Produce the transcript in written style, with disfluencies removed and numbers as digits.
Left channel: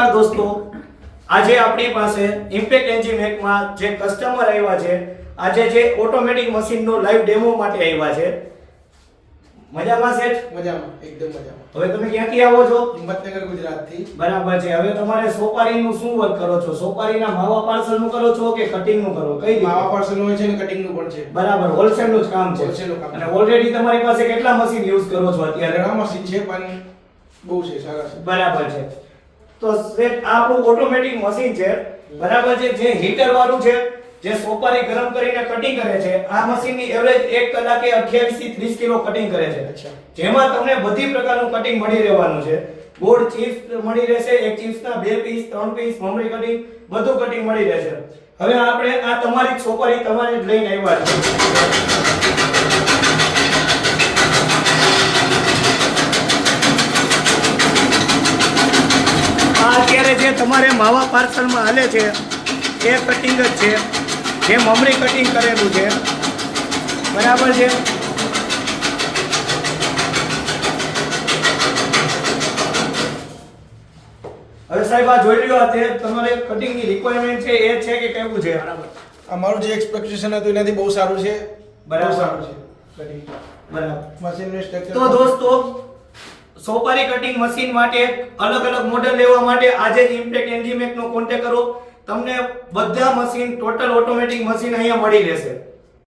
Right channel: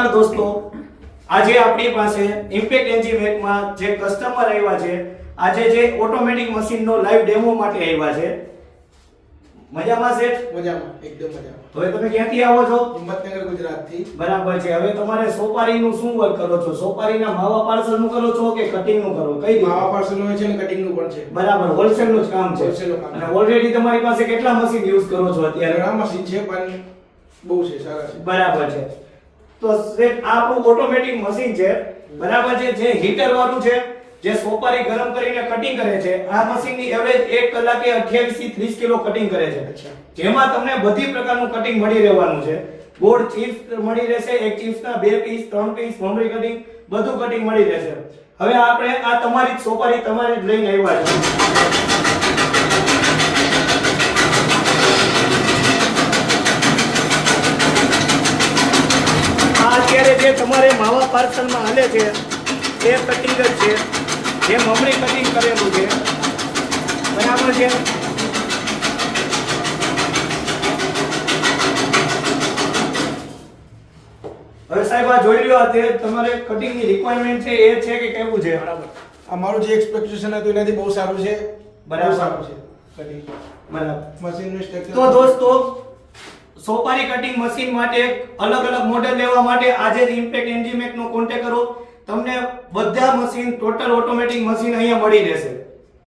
નમસ્કાર દોસ્તો, આજે આપણી પાસે ઇમ્પેક્ટ એન્જીમેક માં જે કસ્ટમર આવ્યા છે, આજે જે ઓટોમેટિક મશીનનો લાઈવ ડેમો માટે આવ્યા છે. મજામાં સેઠ? મજામાં, એકદમ મજામાં. હવે તમે ક્યાંથી આવો છો? હિંમતનગર, ગુજરાતથી. બરાબર છે. હવે તમારે સોપારીનું શું વર્ક કરો છો? સોપારીના માવા પાર્સલનું કરો છો કે કટિંગનું કરો? કઈ રીતે? માવા પાર્સલનું હોય છે અને કટિંગનું પણ છે. બરાબર, હોલસેલનું જ કામ છે. હોલસેલનું કામ. અને ઓલરેડી તમારી પાસે કેટલા મશીન યુઝ કરો છો અત્યારે? ઘણા મશીન છે પણ બહુ છે, સારા છે. બરાબર છે. તો સેટ આ આપણું ઓટોમેટિક મશીન છે, બરાબર છે, જે હીટર વાળું છે, જે સોપારી ગરમ કરીને કટિંગ કરે છે. આ મશીનની એવરેજ 1 કલાકે 28 થી 30 કિલો કટિંગ કરે છે. અચ્છા. જેમાં તમને બધી પ્રકારનું કટિંગ મળી રહેવાનું છે. ગોળ ચિપ્સ મળી રહેશે, એક ચિપ્સના 2 પીસ, 3 પીસ, મમરી કટિંગ, બધું કટિંગ મળી રહેશે. હવે આપણે આ તમારી જ સોપારી તમારે જ લઈને આવ્યા છે. અત્યારે જે તમારે માવા પાર્સલમાં હાલે છે એ કટિંગ જ છે, જે મમરી કટિંગ કરેલું છે. બરાબર છે. હવે સાહેબ આ જોઈ લ્યો, આ તે તમારે કટિંગની રિક્વાયરમેન્ટ છે એ છે કે કેવું છે? બરાબર. અમારું જે એક્સપેક્ટેશન હતું એનાથી બહુ સારું છે. બરાબર. બહુ સારું છે કટિંગ. બરાબર. મશીનનું સ્ટ્રક્ચર. તો દોસ્તો, સોપારી કટિંગ મશીન માટે અલગ અલગ મોડેલ લેવા માટે આજે જ ઇમ્પેક્ટ એન્જીમેક નો કોન્ટેક્ટ કરો. તમને બધા મશીન, ટોટલ ઓટોમેટિક મશીન અહીંયા મળી રહેશે.